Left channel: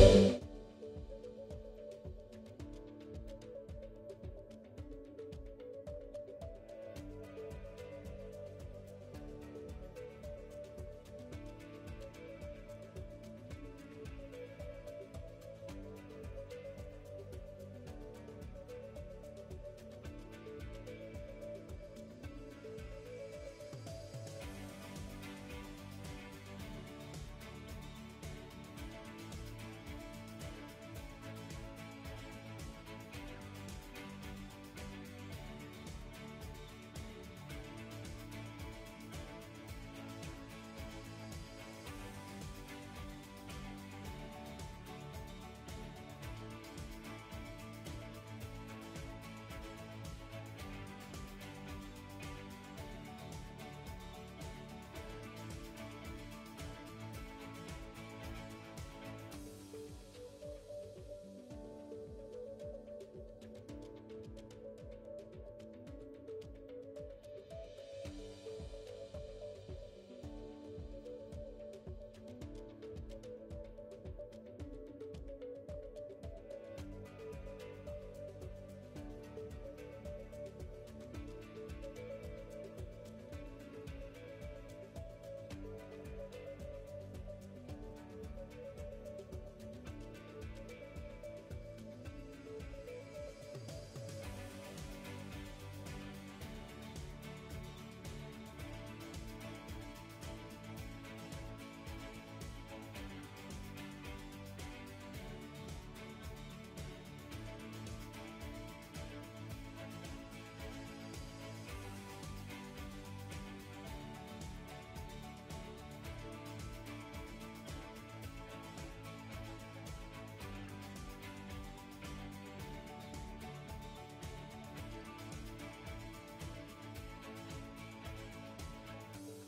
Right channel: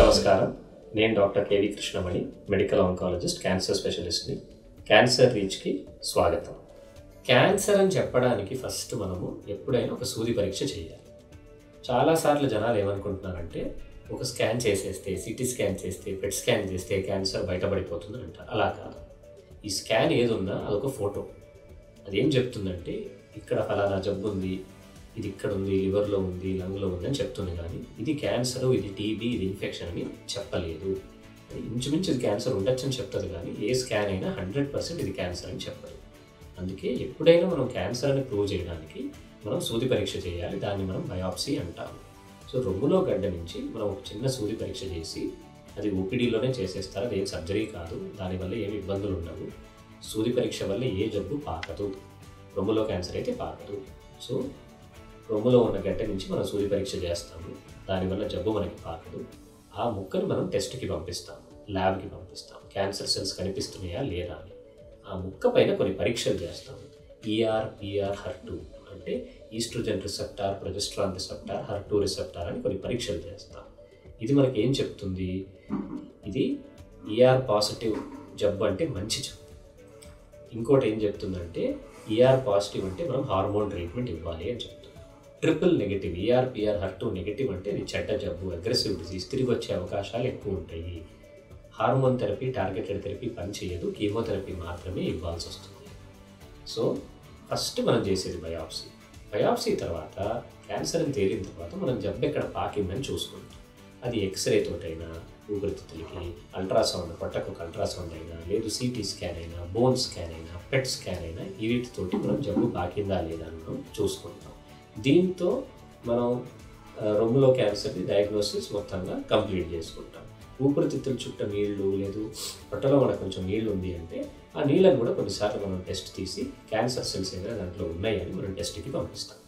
నమస్కారం, నేను doctor K V Krishnamani, medical oncologist, cancer స్పెషలిస్ట్ని. క్యాన్సర్ రీచ్కి స్వాగతం. క్యాన్సర్ అని చెప్పడానికి ఫస్ట్ మనము ఎప్పుడైనా ఒక సూది పరీక్ష చేయాలి. చాలాసార్లు జనాలు ఏమనుకుంటున్నారంటే ఒక స్కాన్ చేసేస్తే, సిటీ స్కాన్ చేస్తే, పెట్ స్కాన్ చేస్తే క్యాన్సర్ బయటపడిపోతుంది అంటారు. అలా కాదు. ఈ స్కాన్ ఏది ఉన్నా అదొక ఫోటో. అదేం చెప్తుందంటే ఇక్కడ ఫలానా జబ్బు ఉంది, ఇది ఇక్కడ ఉంది, లివర్లో ఉంది, లంగ్లో ఉంది అని చెప్తుంది. కానీ ఇది క్యాన్సర్, ఇది టీబీ, ఇది ఇన్ఫెక్షన్ అని చెప్పలేదు. ఇంచుమించు ఇది క్యాన్సర్ ఉండొచ్చు అని చెప్తుంది, కానీ ఏ స్కాన్ అయినా 100% ఇది క్యాన్సర్ అని చెప్పదు. అందుకే ఎప్పుడైనా మనం క్యాన్సర్ అని ప్రూవ్ చేయడానికి మనం సూది పరీక్ష చేయాలి. దాన్ని మనం బయాప్సీ అంటాము. సో రొమ్ములో గడ్డ నుంచి మనం ఒక చిన్న సూది పరీక్ష చేసి, అది ఓపీడీలోనే చేసేస్తారు. అది ఏం సర్జరీ కాదు, దానివల్ల ఏమి ఇబ్బందులు ఉండవు. సూది పరీక్ష వల్ల ఏ జబ్బు పాకదు. రొమ్ములో క్యాన్సర్ అయితే పాకదు. సో రొమ్ములో ఉన్న గడ్డ నుంచి మనం సూది పరీక్ష చేస్తాము. దానివల్ల జబ్బు మనకి పాకదు. ఆ ముక్కను మనం టెస్ట్కి పంపిస్తాం, ల్యాబ్కి పంపిస్తాం. క్యాన్సర్ సెల్స్ కనిపిస్తున్నాయా లేదా అని. ఆ ముక్క పైన కొన్ని పరీక్షలు చేస్తాం. ఈఆర్, పిఆర్, HER2 అంటే oestrogen receptor, progesterone receptor, HER2 receptor అని కొన్ని పరీక్షలు చేస్తాం. ఇది మనకి ఏం చెప్తుంది? ఇది ఈఆర్ పాజిటివ్ జబ్బు అంటే మంచి జబ్బు. ఇంకోటి ఏం చెప్తుందంటే ఈఆర్ పాజిటివ్ అంటే మనం హార్మోన్ ట్రీట్మెంట్ ఇవ్వాలి అని చెప్తుంది. Triple negative, ER, PR, HER2 negative అంటే ఇది చెడ్డ జబ్బు, అగ్రెసివ్ డిసీజ్, తిరిగి వచ్చే అవకాశాలు ఎక్కువ ఉంటాయి. హార్మోన్ థెరపీ, టార్గెటెడ్ థెరపీ పనిచేయదు, కీమోథెరపీ మాత్రమే ఇవ్వాల్సి వస్తుంది. సో ఫస్ట్ మనం చేసేది బయాప్సీ. బయాప్సీ తర్వాత క్యాన్సర్ అని తేలిన తర్వాత మనం జబ్బు ఎక్కడ పాకిందని చూసుకుంటాం. అది ఎక్స్రే తోటైనా, ఊపిరితిత్తులకి అల్ట్రాసౌండ్, పొట్టకు ఒక అల్ట్రాసౌండ్ అయినా, లేదు సిటీ స్కాన్ అయినా, బోన్ స్కాన్ అయినా, పెట్ స్కాన్ అయినా, వీటితోటి మనం జబ్బు పాకిందా లేదా అని మనం చూసుకుంటాం. దీంతో మనం రొమ్ములో క్యాన్సర్ని డయాగ్నోసిస్ మొత్తంగా కంప్లీట్ చేసుకుంటాం. ఊపిరితిత్తుల చుట్టూ నీళ్లు, లేదు పొట్టలో మనకు కొంచెం నీళ్ళు ఉంది అంటే ఆ నీళ్ళని కూడా కొన్నిసార్లు మనం టెస్ట్ తీసి క్యాన్సర్ సెల్స్ ఏమైనా దాంట్లో ఉన్నాయని మనం టెస్ట్కి పంపిస్తాం.